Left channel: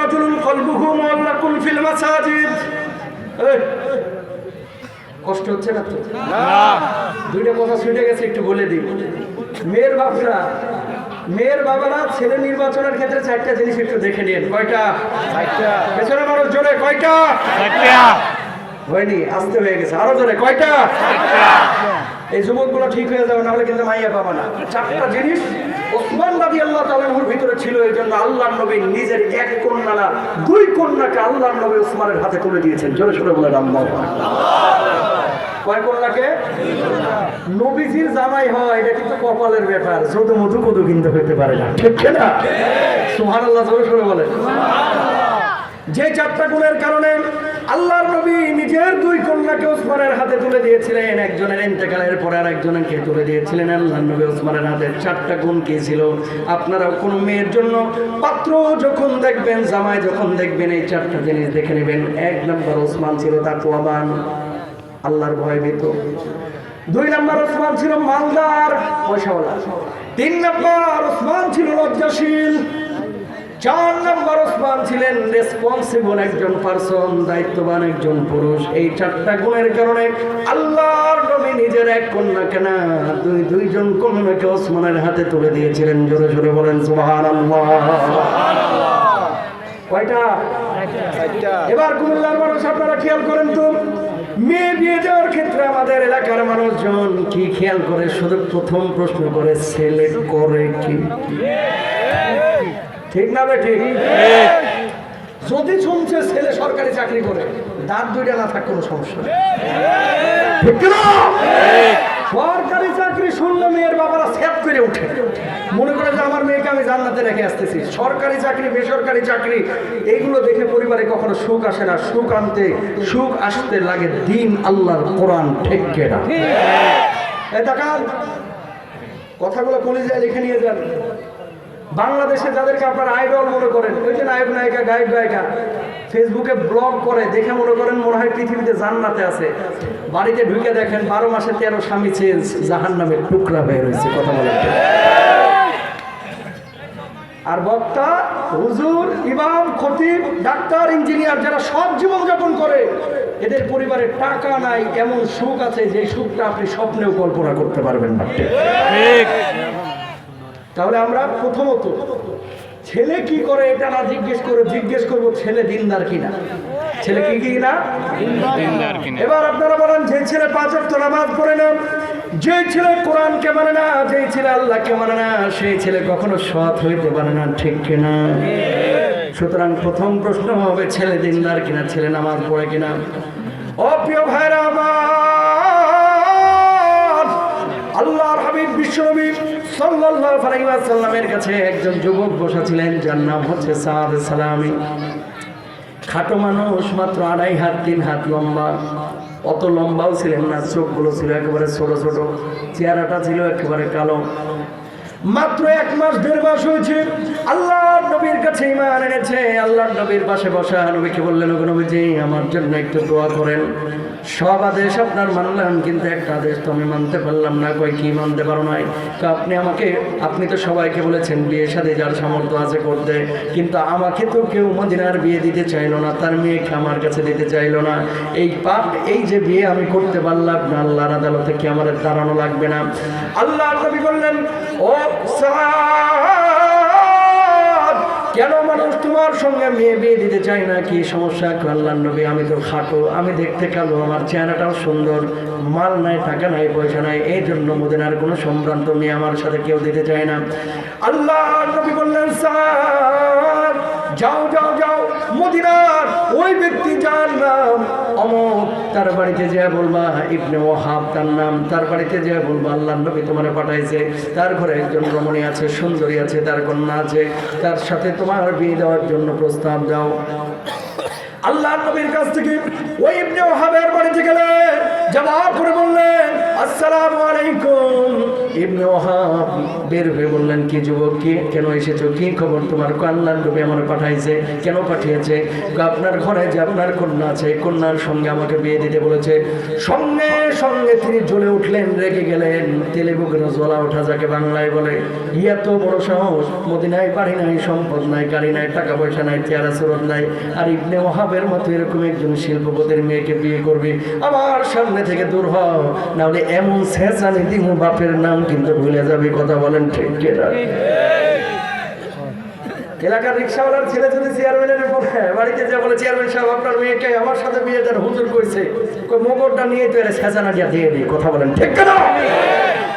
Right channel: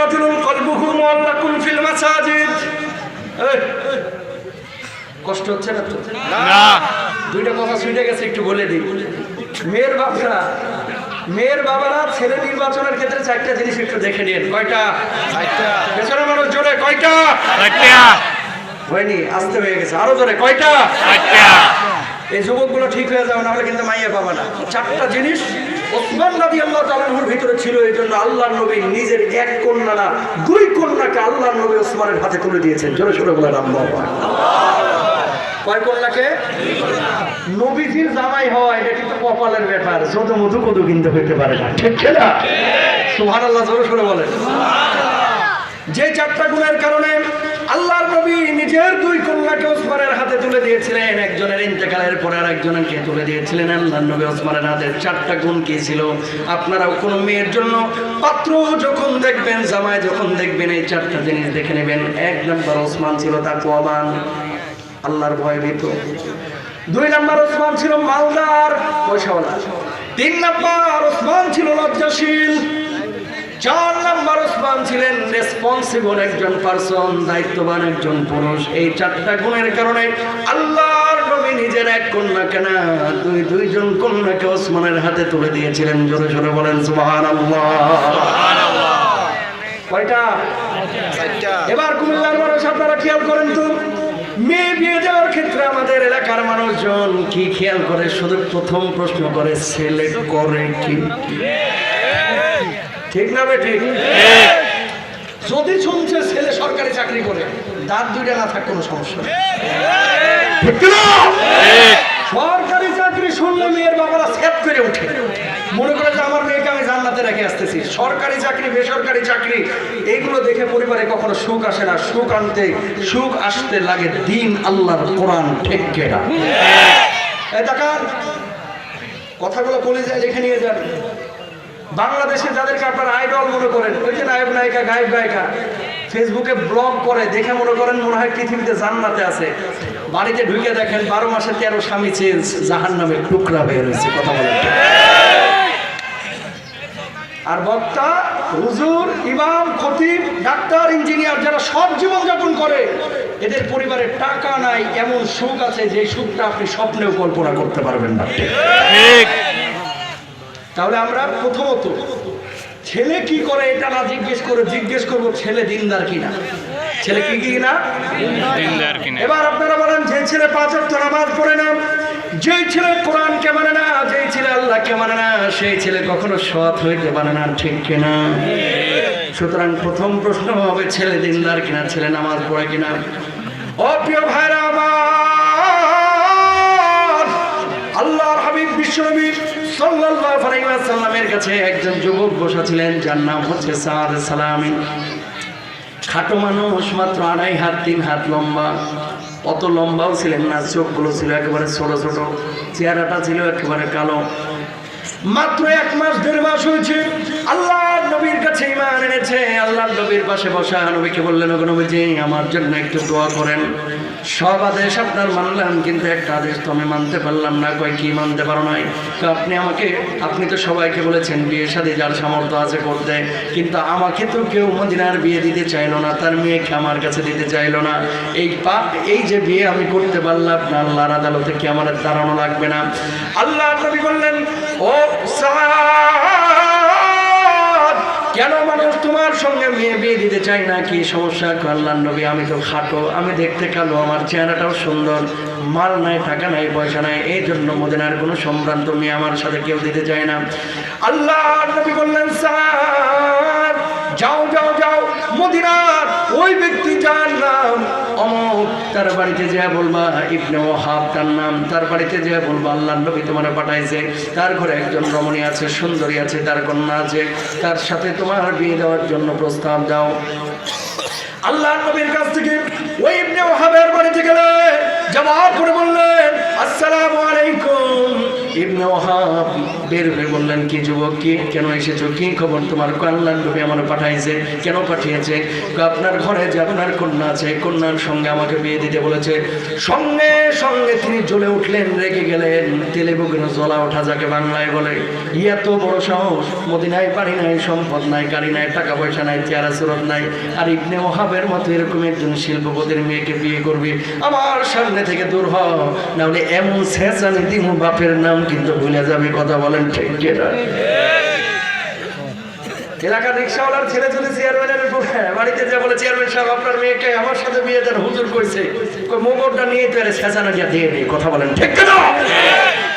রাজুলুন কলবুহু মুআল্লাকুন feel মাসাজিদ। কষ্ট হচ্ছে না তো? না। দুইটা কথা শুনে গেছে, একটু বলে দিই। মেয়ের বাবারা ছেলে নির্বাচনের ক্ষেত্রে চারটা জিনিস একটু দেখে নিন। কয়টা? পেছনের মানুষ জোরে কয়টা? হয়নি, আসতে হয়ে গেছে, আরো জোরে কয়টা? এই যুবকগুলো ঠিক হয়ে যাবে, নাহলে কিন্তু মাইয়া পাবা না। চারটা জিনিস ওসমান রাদিয়াল্লাহু তাআলা আনহুর ভিতরে ছিল, এই জন্য আল্লাহর নবী নিজের এক কন্যা না, দুই কন্যাকে আল্লাহর নবী ওসমানের হাতে তুলে দিয়েছেন। জোরে সোরে বলেন আল্লাহু কয় কন্যাকে? নবীজির জামাই হওয়া এটা কিন্তু কপালের ব্যাপার, শুধু মধু কদু কিন্তু হইতে পারে না, ঠিক না? সুবহানাল্লাহ, জোরে সোরে বলেন। যে চারটা গুণের কারণে আল্লাহর নবী নিজের দুই কন্যাকে ওসমানের হাতে তুলে দিয়েছিলেন, একজনের ইন্তেকালের পরে আর একজনকে তুলে দিয়েছিলেন আল্লাহর নবী ওসমানের হাতে। চারটা গুণ কি ছিল? আপনারাও কোনো মেয়ের জন্য পাত্র যখন দেখবেন, জামাই যখন দেখবেন, এই চারটা জিনিস দেখে নেবেন। এক নম্বর, ওসমান ছিল তাকওয়াবান, আল্লাহর ভয়ভীত। দুই নম্বর, ওসমান ছিল মালদার, পয়সাওয়ালা। তিন নম্বর, ওসমান ছিল লজ্জাশীল। চার নম্বর, ওসমান ছিলেন রেসপন্সিবল একজন পারসন, দায়িত্ববান একজন পুরুষ। এই চারটা গুণের কারণে আল্লাহর নবী নিজের এক কন্যাকে না, দুইজন কন্যাকে ওসমানের হাতে তুলে দিয়েছিলেন। জোরে জোরে বলেন সুবহানাল্লাহ। কয়টা? এবার কুমিল্লার মানুষ আপনারা খেয়াল করেন তো, মেয়ে বিয়ে দেওয়ার ক্ষেত্রে আমাদের এলাকার মানুষজন কি খেয়াল করে? শুধু প্রথম প্রশ্ন করে, ছেলে করে কি? ঠিক না বে ঠিক? যদি শুনছে ছেলে সরকারি চাকরি করে, দাঁত দুইটা না থাক কোনো সমস্যা নেই। সরকারি চাকরি শুনলে মেয়ের বাবারা সেট করে উঠে, মনে করে যে আমার মেয়েকে আমি জান্নাতে রেখে আসতেছি। সরকারি চাকরি, বেসরকারি চাকরি, এইগুলো দেখে পরিবারে কখনো সুখ আসে না। সুখ আসতে লাগে দিন আল্লাহর কোরআন, ঠিক কিনা? এই দেখান কথাগুলো বলে যায়, লিখে নিয়ে যান। বাংলাদেশে যাদেরকে আপনারা আইডল মনে করেন, ওই যে নায়ক নায়িকা, গায়ক গায়িকা ফেসবুকে ব্লগ করে, দেখে মনে করেন মনে হয় পৃথিবীতে জান্নাতে আছে। বাড়িতে ঢুকে দেখেন 12 মাসে 13 স্বামী চেঞ্জ, জাহান্নামের টুকরা হয়ে রয়েছে। কথা বলেন। আর বক্তা, হুজুর, ইমাম, খতিব, ডাক্তার, ইঞ্জিনিয়ার, যারা সব জীবন যাপন করে, এদের পরিবারে টাকা নাই, এমন সুখ আছে যে সুখটা আপনি স্বপ্নেও কল্পনা করতে পারবেন না। ঠিক। তাহলে আমরা প্রথমত ছেলে কি করে এটা না জিজ্ঞেস করবো ছেলে দিনদার কিনা। ছেলে কি কিনা? দিনদার কিনা। এবার আপনারা বলেন, যে ছেলে 5 ওয়াক্ত নামাজ পড়ে না, যে ছেলে কোরআনকে মানে না, যে ছেলে আল্লাহকে মানে না, সেই ছেলে কখনো সৎ হইতে পারে না, ঠিক কিনা? সুতরাং প্রথম প্রশ্ন হবে ছেলে দিনদার কিনা, ছেলে নামাজ পড়ে কিনা। ও প্রিয় ভাইরা আমার, আল্লাহর হাবিব বিশ্বনবী সাল্লাল্লাহু আলাইহি ওয়াসাল্লামের কাছে একজন যুবক বসা ছিলেন, যার নাম হচ্ছে সাদ সালামি। খাটো মানুষ, মাত্র 2.5 হাত 3 হাত লম্বা। অত লম্বাও ছিলেন না, চোখগুলো ছিল একেবারে ছোট ছোট, চেহারাটা ছিল একেবারে কালো। মাত্র 1 মাস 1.5 মাস হয়েছে আল্লাহর নবীর কাছে ঈমান এনেছে। আল্লাহর নবীর পাশে বসা নবীকে বললেন, ওগো নবীজি, আমার জন্য একটু দোয়া করেন। সব আদেশ আপনার মানলাম, কিন্তু একটা আদেশ তো আমি মানতে পারলাম না। কই কি মানতে পারো নাই? তো আপনি তো সবাইকে বলেছেন বিয়ে শাদী যার সামর্থ্য আছে করতে, কিন্তু আমাকে তো কেউ মদিনার বিয়ে দিতে চাইলো না, তার মেয়েকে আমার কাছে দিতে চাইলো না। এই যে বিয়ে আমি করতে পারলাম না, আল্লাহর আদালতে কি আমার দাঁড়ানো লাগবে না? আল্লাহর নবী বললেন, ও কেন মানুষ তোমার সঙ্গে মেয়ে বিয়ে দিতে চাই না, কি সমস্যা? আল্লাহর নবী, আমি তো খাটো, আমি দেখতে কালো, আমার চেহারাটাও সুন্দর, মাল নাই, টাকা নাই, পয়সা নাই, এই জন্য মদিনার কোনো সম্ভ্রান্ত মেয়ে আমার সাথে কেউ দিতে চায় না। আল্লাহর নবী বললেন, স্যার যাও যাও যাও, মদিনার ওই ব্যক্তি যার নাম অমুক, তার বাড়িতে যা বলবা, ইবনে ওয়াহাব তার নাম, তার বাড়িতে যা বলবা আল্লাহর নবী তোমার পাঠাইছে, তার ঘরে একজন রমণী আছে, সুন্দরী আছে, তার কন্যা আছে, তার সাথে তোমার বিয়ে দেওয়ার জন্য প্রস্তাব দাও। আল্লাহর নবীর কাছ থেকে ওই ইবনে ওয়াহাবের বাড়িতে গেলে জবাব করে বললেন, আসসালামু আলাইকুম। ইবনে ওয়াহাব বের হয়ে বললেন, কি যুবক, কি কেন এসেছো, কি খবর তোমার? আল্লাহর নবী আমার পাঠাইছে। কেন পাঠিয়েছে? আপনার ঘরে যে আপনার কন্যা আছে, কন্যার সঙ্গে আমাকে বিয়ে দিতে বলেছে। সঙ্গে সঙ্গে তিনি জ্বলে উঠলেন, রেগে গেলেন। তেলে বুকের জ্বলা ওঠা যাকে বাংলায় বলে। এত বড় সাহস! মদিনায় বাড়ি নাই, সম্পদ নাই, গাড়ি নাই, টাকা পয়সা নাই, চেহারা সুরত নাই, আর ইবনে ওহাবের মতো এরকম একজন শিল্পপতির মেয়েকে বিয়ে করবে? আমার সামনে থেকে দূর হ, না হলে এমন ছেঁচানি দিন বাপের নাম কিন্তু ভুলে যাবে। কথা বলেন ঠিক কিনা? এলাকার রিক্সাওয়ালার ছেলে যদি চেয়ারম্যানের বাড়িতে যা বলে, চেয়ারম্যান সাহেব আপনার মেয়েকে আমার সাথে বিয়ে দেন, হুজুর কইছে, মোগরটা নিয়ে তো ছেঁচানাটা দিয়ে নেই। কথা বলেন ঠিক কিনা?